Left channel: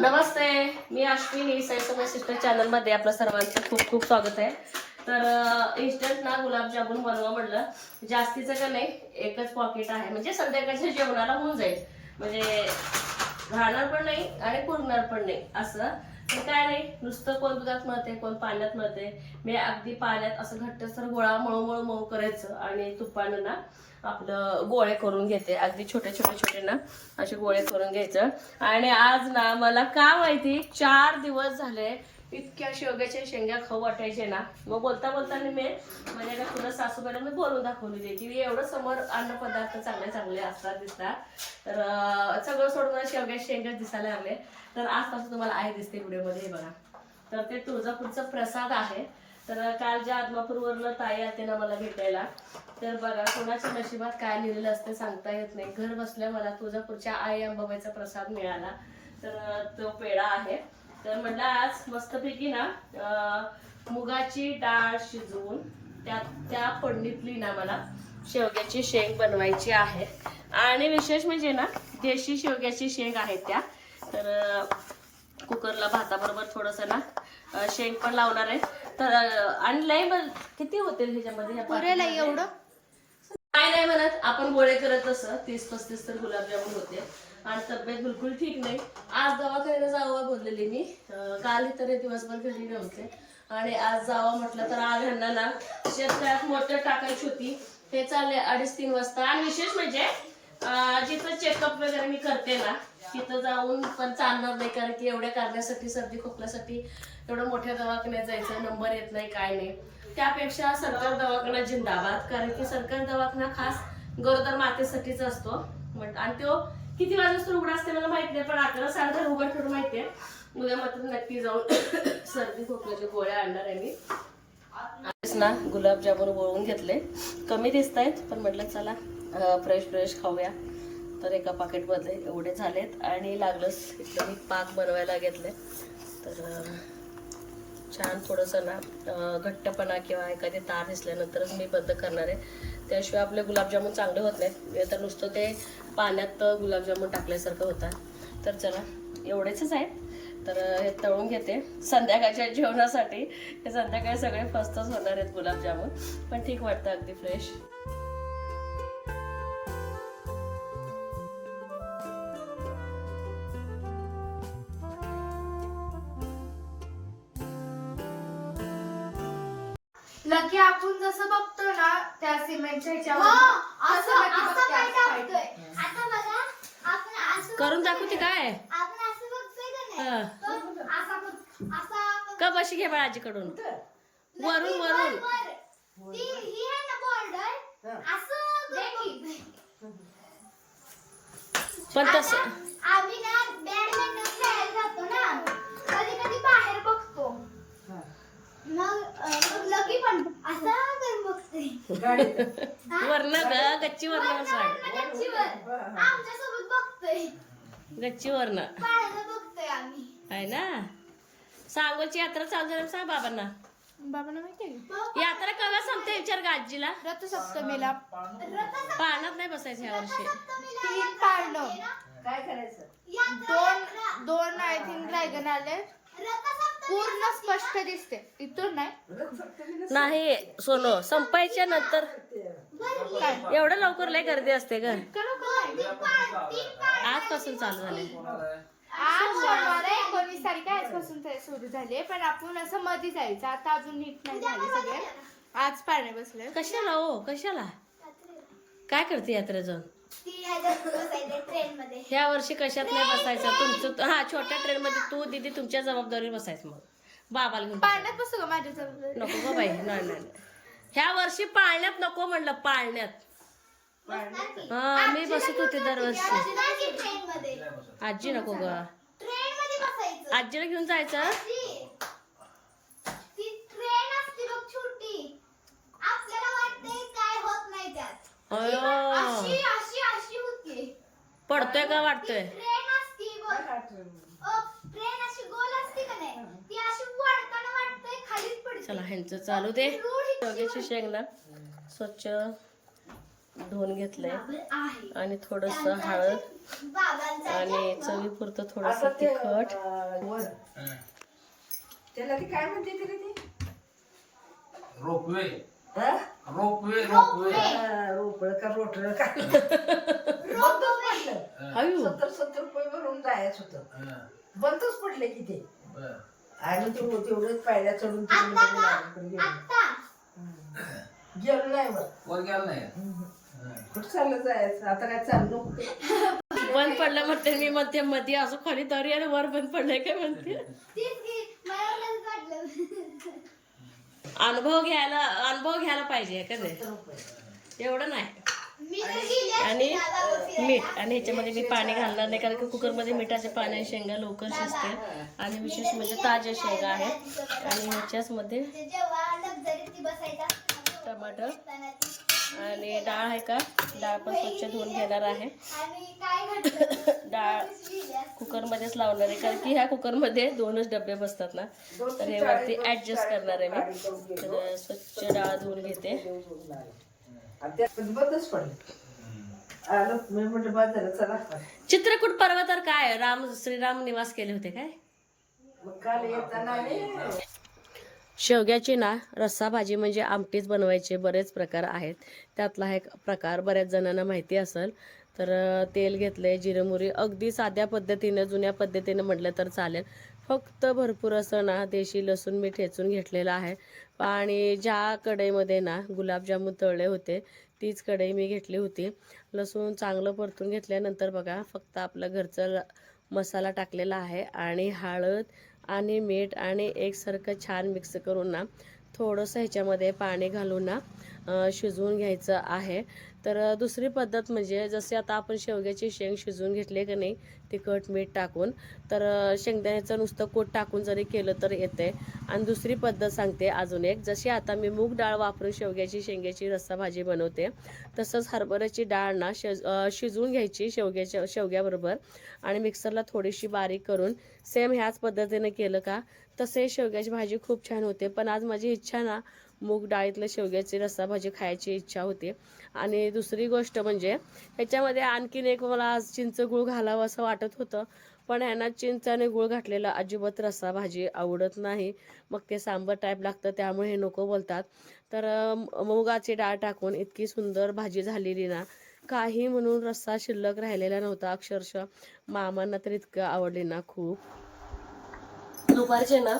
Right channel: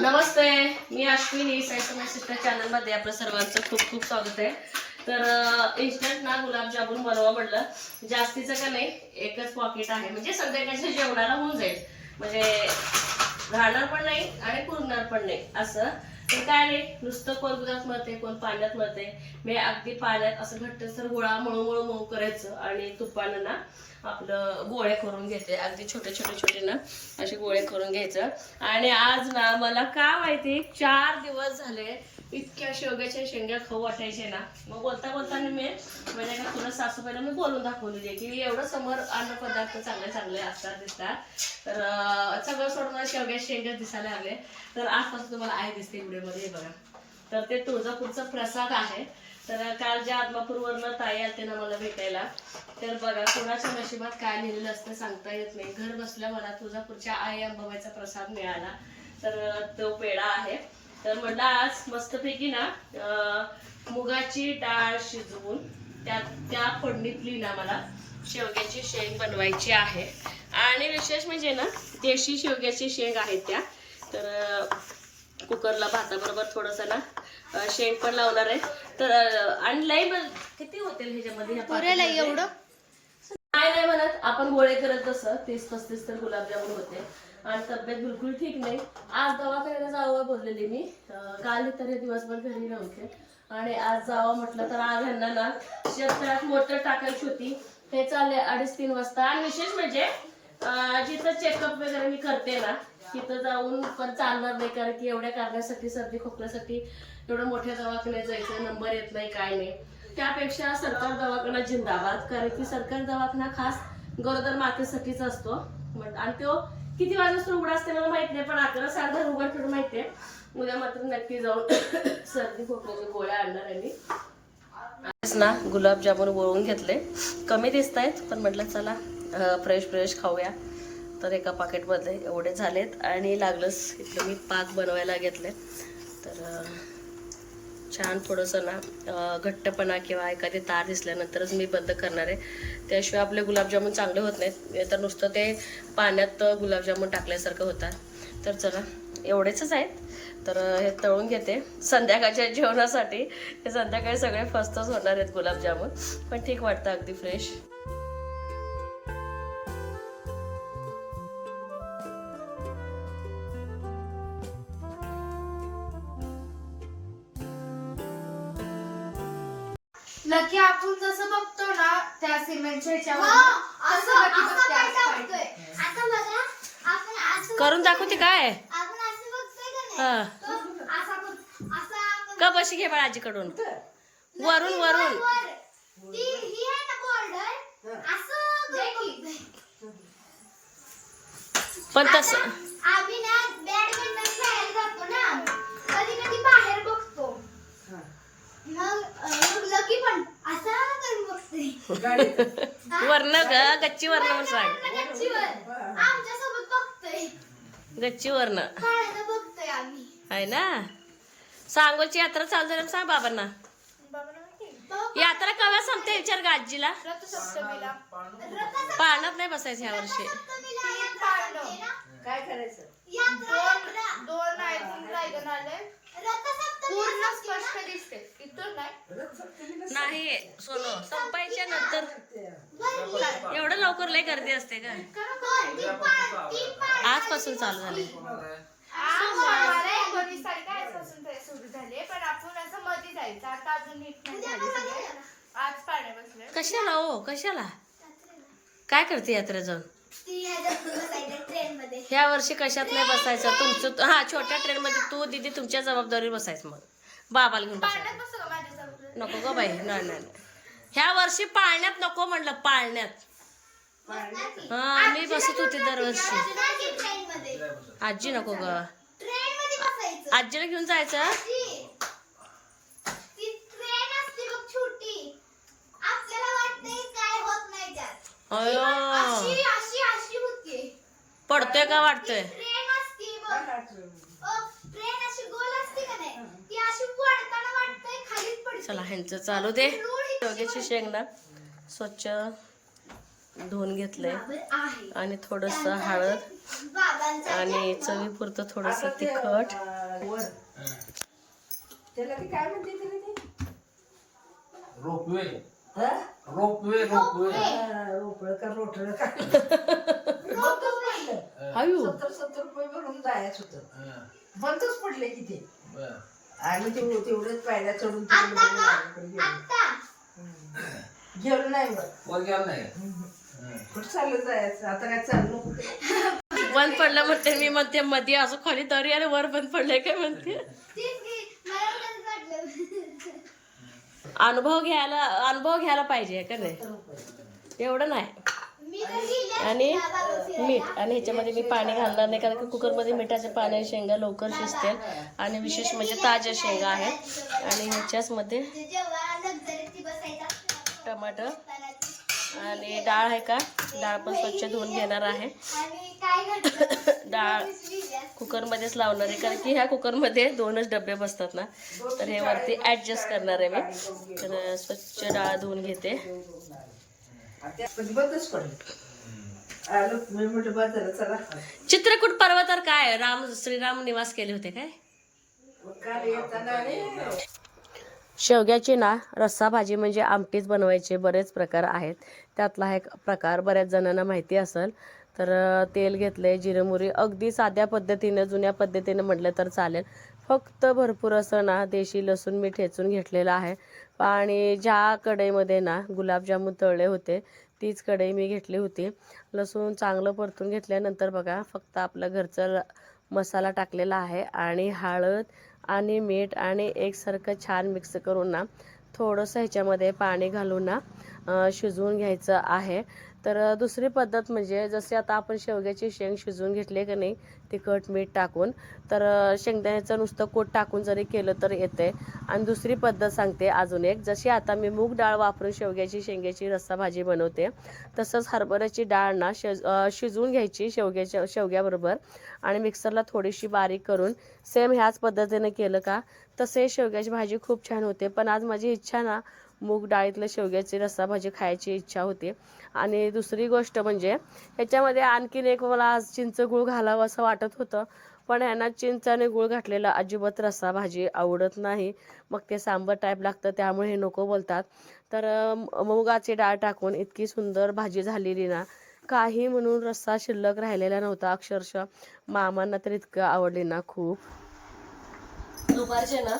नमस्ते मी Ashwini सैसम sister चॅनलमध्ये आपलं सर्वांचं खूप खूप स्वागत आहे. तर इन्स्टंट ना गुलाबजामुन बनवा म्हटलं. जास्तीचं का नाही एकच पॉकेट आहे. म्हणजे संध्याकाळच्या जेवणाला होऊन जाईल. म्हणजे राहणार पण नाही आणि पुरणार पण नाही असं काय नाही नुसतं कोण दुधात मळते कोण पाण्यात मळते मी अगदी पाण्यात असं घट्टसर गोळा मळू मळू मऊ करायचं आणि तुपानं ना आपलं गोळे करून घेते. अगदी छोटे छोटे छोटे ना असे गोळे करून घ्यायचं. आणि आज ना मला का माहिती चार दिवस झाले इतक्या शेवग्याच्या शेंग्या खाऊ वाटायचे ना. मग बोलता बोलताना मी म्हणजे का तुला सासूबाईला मी बोलून दाखवलेली आहे की एवढं समोर अन्न पदार्थ चांगले चांगले असतात दिसतात. तर सगळं सोडून मला शेवग्या शेंग्या दिसायला लागले. तर आजपासून तुम्हाला आहे दिसते व्हिडिओमध्ये हे बघा. तर ते तुळजापूरचा प्रसाद आहे. तर काल ज्या आत्मापूरवरनं ताई आलते ना मला भेटायला तर बघा कोणाच्या नशिबात काय लिहिलेलं असते सांगता येत नाही. घर बसल्या मला तुळजापूरच्या आई अंबाबाईचा प्रसाद मिळाला. तर तो पेढा आहे. तर म्हटलं आज मस्तपैकी ना मुगाची डाळ शिजवून त्या त्या फोडणीतली ना मला शेवग्याची शेंग बनवायची आहे. आणि विशेष म्हणजे ना देशी शेवग्याची शेंग आहे त्या. तर कुकरला भाताबरोबर थोडंसं ना शेंग पण लावणार आहे. तर आणि लई किती होतील ह्याच्यामध्ये? एवढं? काय नाही म्हणत आपण गोळे करत तसं तीस पस्तीस तर गुलाबजामुन होते. आणि तब्येत बिलकुल ठीक नाही. आज दवाखान्याला जावं बोललेली मी. काल तरी दिवसभर घरी नव्हते. आणि आज जावं म्हटलं तर आज ह्यांना ना मोटर टाकायची होती. हे चालले अडीच तीन वाजता. आणि विशेष म्हणजे जिथं चेकअप वगैरे मी करते ना तिथं जाऊन पण चालणार नाही. कारण की एवढ्या कारणासाठी सर्दी खोकल्यासाठी एवढं मोठ्या दवाखान्यात जायचं नंबर येत नाही काय नाही. त्यापेक्षा सरकार दवाखाना जिंदाबाद. कारण की सरकार दवाखाना खास गरोदर मातेसाठीच असतो. आणि तो किती वाजता उघडा असते मला माहीत नाही पण अकरा सारखं उघड ठेवून माहिती आहे उद्या मात्र नक्की जाऊन सर्दी खोकल्याच्या गोळ्या आणणार आहे मी. ना गुलाबजामुन वळून घेतले. कमी दिसत आहेत पण म्हटलं चला फ्रेश फ्रेश खाऊया. तर एका पाकिटमध्ये एवढे झालेत. आणि लागलंच इथलं मी पाक बनवायला घेतले तर छान थोडंसं ना घट्टपणा किंवा एखादी तार दिसल्यानंतरच मी बंद करणार आहे. त्याशिवाय आपले गुलाबजामुन चांगले होत नाहीत. तर नुसतं ते पाण्यात गुलाबजामुन टाकल्यासारखं होतात. तर चला एवढेच आहेत तर हे तळून घेते. संध्याकाळच्या जेवणासाठी हे संध्याकाळी सगळे फस्तच होणार आहेत गुलाबजामुन. पण ठीक वाटतं अगदी फ्रेश लकी आपण जसं बघतो ना त्या सिमेंटच्या ह्याच्यावर असं लकी बघते असं पाहिजे. आता बघा आपण असं करून दाखवते काय? आपण असं बघतोय का हा. नाही तो असा बघ- असा बघ- का बशी घे बाळा आजीकडून. वरून वरून. वर. ती ही आहे ना बॉर्डर असं बघतोय. पण तसं आम्ही ना बॅडमिंटन खेळायला जातो ना कधी कधी बाहेर बघतो मग अं, मग लकी पण असा करून बघतोय वर्ण ग गच्ची वर्ण सांग. गच्ची वर्ण. आहे ना? सांगोची यात्रा चालू झाली सांग बाबांना. यात्रा केव्हा संपते विचार का आजीला. पाळण्यात नाही बसायचं ह्या वर्षी. काय करायचं. दोन पूर्ण. स्पष्ट दिसते. इथून नाही. नाही सोनो संपायच्या नंतर. एवढं लवकर लय गर्दी असते पाळ- आजपासून चालू झाले सोमवार एकोणीस तारीख आजपासून ते सुरू झाले पण आपण असं मध्ये जायचं आता अजून नीट नाही आज पाळणे बसले कशाला हो? कशाला? काय करते यात्रा जाऊन. ह्या वर्षी कशात नाही बसायचं तुमचं हा छोट्या ट्रेन मध्ये तू दिदी तुमच्या जबाबदारीवर बसायचं मग बाबाला घेऊन बसायचं नको ग बाई नाही नाही. ह्या वर्षी पाळण्यात नको म्हणलं पाळण्यात? हा मी बसत होते दरवर्षी? आजी नको ग. आजीला घेऊन जायचं आजी, ती ट्रेन असते बघ छोटी आपल्याला वाटतंय काय होत नाही त्यात अयो अशी अशी अशी होती. पडतोय का वाटतोय? ट्रेन असते बघ. ट्रेन अशी गोल असते का नाही? ती अशी पडताना वाटतंय खालीच पडते. चला ह्यांचं चालू दे. रोड शेवग्याची शेंग ना स्वच्छ धुवून घेतलंय. आहे. आणि थोडस हळद बाबांचा आणि चवीपुरतं थोडस तिखट. वर. त्याला ती काय म्हणते तरी ती? रोपवे? Ropeway ropeway. हा, रोपळ का रोटळ का? आयु. सत्तर सत्तर रुपये भरून जायच होतं. हं, बंदच पडले की ते. आणि तेवढं तेवढेच पायऱ्या चढून गेलो. नाही वर गेला नाही. कुठं चाललं जायचं? आता काय चाललो बंद पडलं म्हणते मी म्हणते मध्ये असं खाली दरी आणि वर बंद पडलंय काय म्हणते तेच की मला पण वाटलं अनुभव घ्यायला अनुभव घ्यायला पाहिजे का नाही? एवढं नाही. आणि मीठ आणि ह्याच्यामध्ये मी पाणी घालणार नाही कारण की कुकरमध्ये मिठाचे पाणी आणि शेंगा लवकर शिजतील. आणि विशेष म्हणजे ताज्या शेंगा आहेत. आणि ह्याच्याच मध्ये जेव्हा लक्झरीत बसायचा टमाटर. आणि डाळ आहे का? डाळ पण स्वच्छ धुवून घेणार आहे. डाळ कुकरमध्येच लावणार आहे कारण की ह्या कुकरमध्ये दोनच डबे बसतात ना. तर हे वरती ॲडजस्ट करणार आहे मी. तर स्वच्छ डाळ धुवून घेते. चित्रकूट पर्व तर काय? राम श्रीराम निवास केले होते काय मग काल येताना आणि शेवग्याची ना रस्सा भाजी म्हणजे आमटीच बनवायचे बरेच प्रकार आहेत. त्यातला हा एक प्रकार बऱ्याच जणांना माहिती असेल. तर तेल घेतलं आहे मोहरी अगदी साध्या पद्धतीनं जुन्या पद्धतीनं म्हटलं तर चालेल. फक्त भरपूर असं ना देशी लसूण मी ठेचून घेतलेलं आहे. आणि ज्या कढईमध्ये ना गुलाबजामुन तळले होते तीच कढई मी घेतली होती. लसूण चांगलं परतून घेतल्यानंतर बघा फक्त आपलं घरचं मसाला टाकलेला आहे आणि हळद आणि मीठ आणि एकसारखं छान मिक्स करून ना थोडंसं ह्याच्यामध्ये पाणी घालून ना शिजवून घ्यायचं आहे. तर दुसरी पद्धत म्हणजे जसे आता आपण शेवग्याचे शेंग शिजवून घेतले का नाही तिखट मीठ टाकून तर शेंगदाण्याचं नुसतं कोट टाकून जरी केलं तर येते आणि दुसरी पद्धत सांगते अजून एक. जशी आता मी मूग डाळ वापरून शेवग्याची शेंग्याची रस्सा भाजी बनवते तसंच हरभऱ्याची डाळ ना शिज शिजवून घ्यायची शेवग्याच्या शेवग्याबरोबर. आणि मिक्सरला थोडीशी बारीक करून सेम ह्याच पद्धतीने केलं का तसे शेवग्याची भाजी खूप छान होते. पण आज माझी इच्छा ना मूग डाळीतलं शेवग्याची रस्सा भाजी खायची इच्छा होती. आणि दुसरी गोष्ट म्हणजे ह्याच्यामध्ये आणखीन एक मला आज चिंच गुळ घालावं असं वाटत होतं. पण ह्यांना चिंच आणि गुळ घातलेला अजिबात रस्सा भाजी आवडत नाही. मग ते सांबर टाईप लागतं त्यामुळे हे नको बोलतात. तर मुगाची डाळ टाकून इतकी सुंदर भाजी झालेली ना काही म्हणून रस्सा शिल्लक राहिलेला नव्हता. अक्षरशः मामांना तर इतकं आवडली ना खूप. दुपारचे ना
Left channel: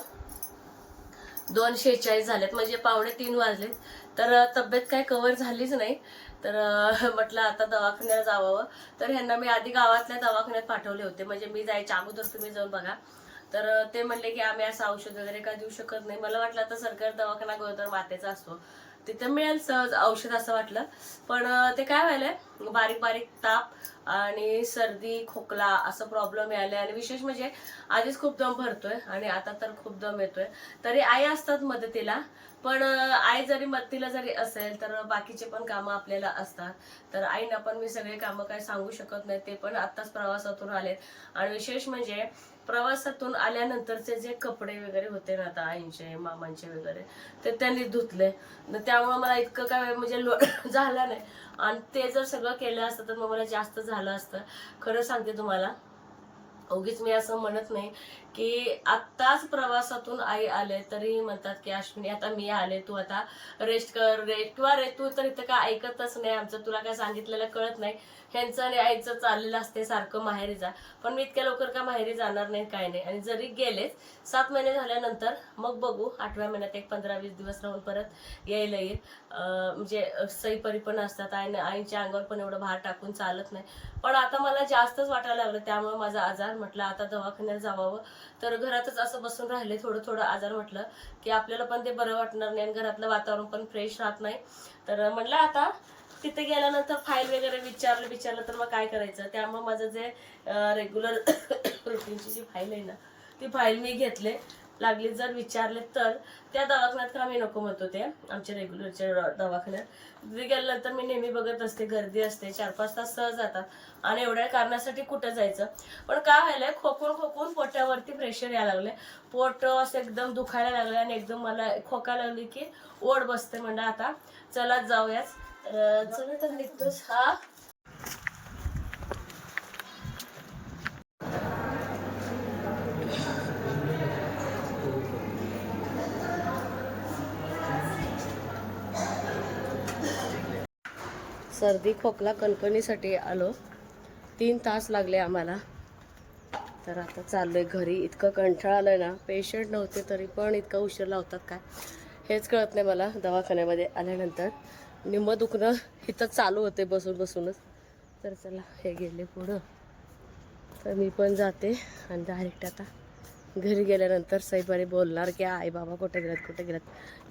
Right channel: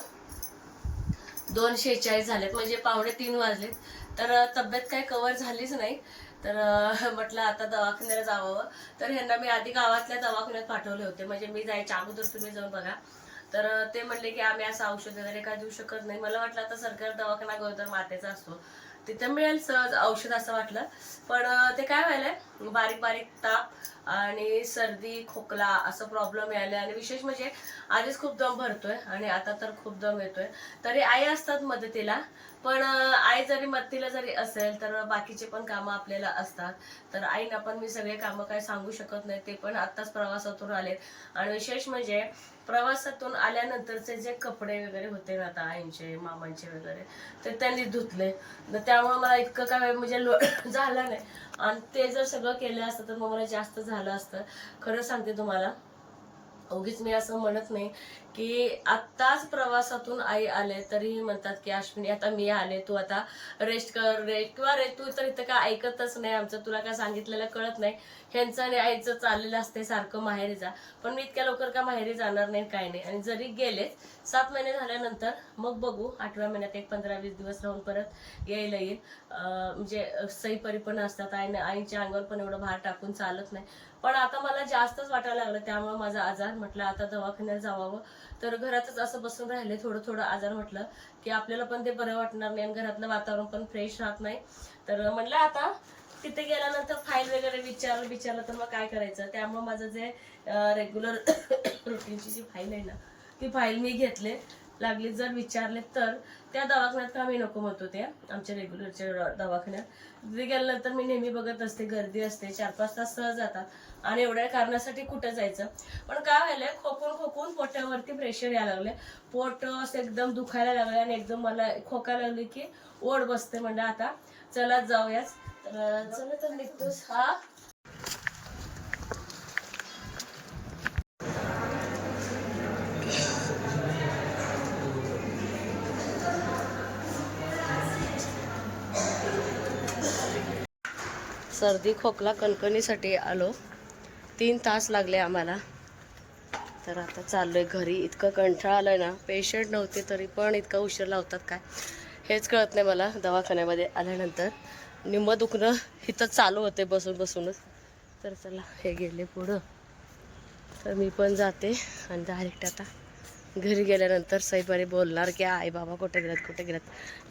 दोन शेहेचाळीस झालेत म्हणजे पावणे तीन वाजलेत. तर तब्येत काही कव्हर झालीच नाही. तर म्हटलं आता दवाखान्याला जावं. तर ह्यांना मी आधी गावातल्या दवाखान्यात पाठवले होते. म्हणजे मी जायच्या अगोदर तुम्ही जाऊन बघा. तर ते म्हणले की आम्ही असं औषध वगैरे काय देऊ शकत नाही. मला वाटलं आता सरकार दवाखाना गोदर मातेचा असतो. तिथे मिळेल सहज औषध असं वाटलं. पण ते काय व्हायलंय? बारीक बारीक ताप आणि सर्दी खोकला असं प्रॉब्लेम यायला आणि विशेष म्हणजे आधीच खूप दम भरतोय आणि आता तर खूप दम येतोय. तरी आई असतात मदतीला. पण आई जरी मदतीला जरी असेल तर बाकीचे पण कामं आपल्याला असतात. तर आईना पण मी सगळे कामं काय सांगू शकत नाही ते पण आत्ताच प्रवासातून आले आणि विशेष म्हणजे प्रवासातून आल्यानंतरचे जे कपडे वगैरे होते ना आता आईंचे मामांचे वगैरे ते त्यांनी धुतले. त्यामुळे मला इतकं काय म्हणजे लो झालं नाही. आणि ते जर सगळं केलं असतं तर मग मला जास्त झालं असतं. खरं सांगते तुम्हाला उगीच मी असं म्हणत नाही की आत्ताच प्रवासातून आई आले तरी म्हणतात की अश्विनी आता मी आले तू आता रेस्ट कर रेस्ट किंवा रे तू तर इथं काय ऐकतच नाही आमचं तुला काय सांगितलेलं कळत नाही. ह्यांचं आणि आईचं चाललेलं असते सारखं माहेरी जा. पण मी इतक्या लवकर का माहेरी जाणार नाही काय नाही. आणि जरी गेलेच सात महिने झाल्यानंतर मग बघू आठव्या महिन्यात एक पंधरा वीस दिवस राहून परत यायला येईल. म्हणजे सईपरी पण असतात आईने आईच्या अंगावर पण एवढं भार टाकून चालत नाही. पण आता मला जास्तच वाटायला लागलं. त्यामुळे माझा आजार म्हटलं आता दवाखान्यात जावावं तर घरातच असं बसून राहिले थोडं थोडं आजार म्हटलं की आपल्याला पण ते बरं वाटणार नाही आणि घरातलं वातावरण पण फ्रेश राहत नाही. तर म्हटलं आता तिथे गेल्यानंतर फाईल वगैरे विचारलं विचारलं तर मग काय करायचं? त्यामुळे माझं जे रेग्युलर रुटीनची जी फाईल आहे ना ती फाईल मी घेतले. लागली जर विचारले तर त्या दवाखान्यात का मी नको म्हणतो ते आमच्या रेग्युलरच्या दवाखान्यात. तिथे गेल्यानंतर मी नेहमी बघत असते गर्दी असते चार पाच तास सहज जातात. आणि एवढ्या कारणासाठी कुठं जायचं? पण काय व्हायलंय खोकून खोकून पोटावरती प्रेशर यायला लागले पोट असं एकदम दुखायला लागले आणि एकदम मला खोकायला लागली की ओढ बसते म्हणजे आता. चला जाऊयाच तर चला तर निघतोच हा. सर्दी खोकला कणकणीसाठी आलो. तीन तास लागले आम्हाला. तर आता चाललोय घरी. इतकं कंठाळ आलं ना. पेशंट नव्हते तरी पण इतका उशीर लावतात काय? हेच कळत नाही मला दवाखान्यामध्ये आल्यानंतर. निम्म दुखणं इथं चालू होते बसून बसूनच. तर चला हे गेले पुढं. तर मी पण जाते आणि डायरेक्ट आता घरी गेल्यानंतर सईबारी बोलणार की आई बाबा कुठे गेलात कुठे गेलात?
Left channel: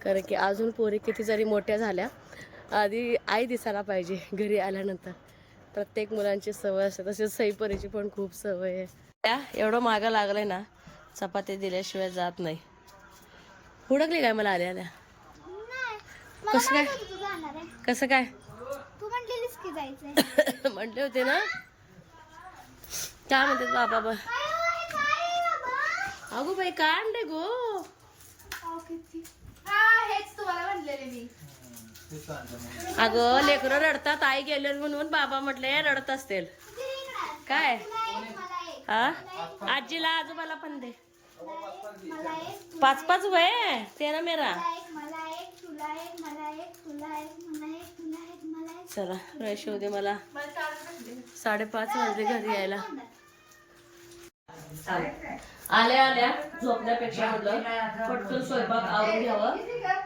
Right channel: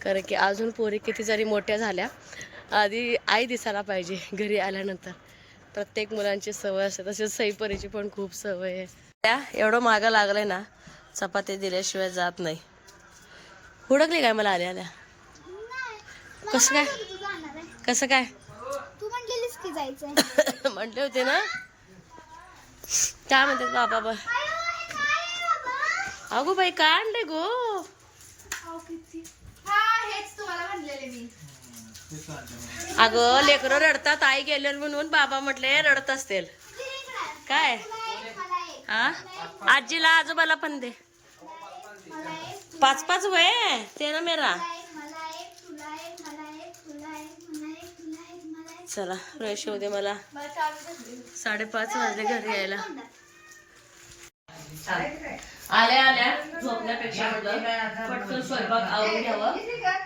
कारण की अजून पोरी किती जरी मोठ्या झाल्या आधी आई दिसायला पाहिजे घरी आल्यानंतर. प्रत्येक मुलांची सवय असते तसेच सईपरीची पण खूप सवय आहे. त्या एवढं मागं लागलंय ना चपाती दिल्याशिवाय जात नाही. हुडकली काय मला आल्या आल्या? कसं काय? तू जाणार आहे. कसं काय? तू म्हणलेलीस की जायचंय. म्हटले होते ना. काय म्हणतात बाबा बा? अगो बाई काय आणले गो हा हेच तुम्हाला म्हणलेले मी. अगं लेकरं रडतात आई गेले म्हणून बाबा म्हटले रडत असतील. काय? हा? आजीला आजोबाला पण दे. पाच पाच वय ते ना मेरा. चला फ्रेश होऊ दे मला. साडेपाच वाजले घरी यायला. आल्या आल्या. झोपण्यापेक्षा म्हटलं पटकन स्वयंपाक आवरून घ्यावं.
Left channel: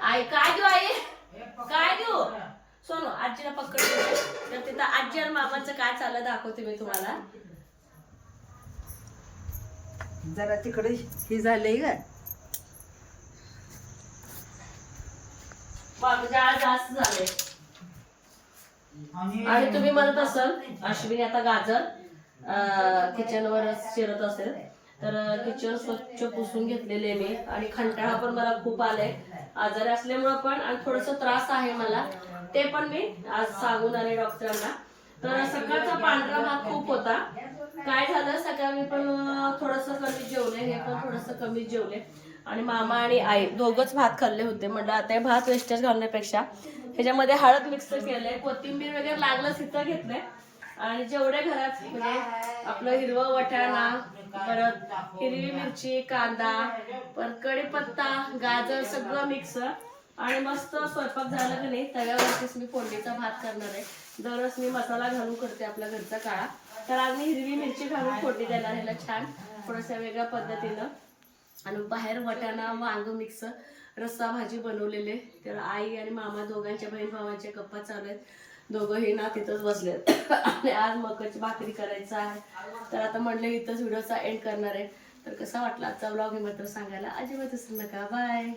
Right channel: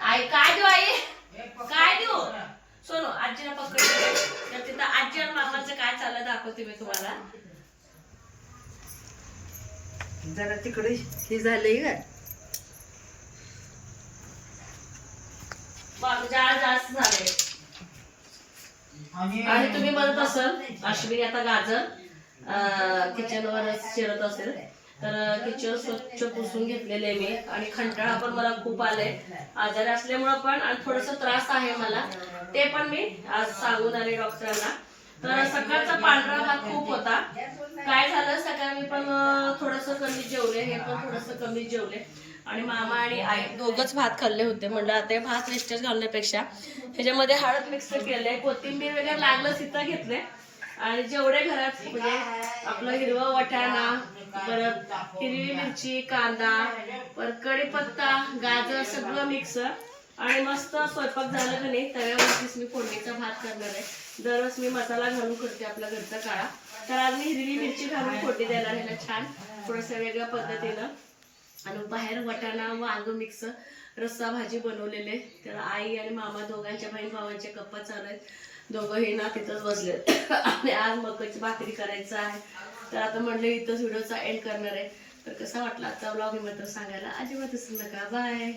आई काय देऊ आई? काय देऊ? सोनू आजीला पकड. तर तिथं आजी आणि मामाचं काय चाललं दाखवते मी तुम्हाला. जरा तिकडे हे झालंय का जास्त झाले आणि तुम्ही म्हणत असाल अश्विनी आता गाजर किचनवरच शिरत असेल. तर किचन स्वच्छ पुसून घेतलेले मी आणि खंटाळा पण मला खूप आलाय. आजारी असल्यामुळं पण आणि थोडस त्रास आहे मला. ते पण मी आज सांगून आले डॉक्टरांना. तर सकाळचा पांढरा भात खूप होता. काय झालं? सकाळी मी पण थोडस कमी जेवले. हे पण थोडस कमी जेवले. आणि मामा आणि आई दोघच भात खाल्ले होते. म्हणलं आता हे भात वेस्टेज घालण्यापेक्षा. ह्याच्यामध्ये हळद मिक्स केलंय. कोथिंबीर वगैरे लागलं तिथं घेतलंय. आणि जेवढे घरात म्हणजे आपलं हिरवं वाटाणा परत हिरवी मिरची कांदा परत कढीपत्ता गाजर सगळं मिक्स आणि मस्त स्वयंपाक झालं का नाही तव्यावरतीच मी फोडणीचा भात करणार आहे. दररोज मी मसाला घालून करते आपल्या घरचा काळा. तर आज मी हिरवी मिरची घालून फोडणी देणार ह्याला छान थोडंसं वेगळ्या पद्धतीनं. आणि बाहेर वाटाणा वांग मिक्स रस्सा भाजी बनवलेले तर आई आणि मामा दोघांच्या बहीण भावांचे गप्पा चालू आहेत. दोघंही ना तिथंच बसले. आणि आज मकाची भाकरी करायचं आहे. तर आता म्हणलं इथंच व्हिडिओचा एंड करणार आहे. तर कसा वाटला आजचा ब्लॉग मी मात्र सांगायला अजिबात विसरू नका. बाय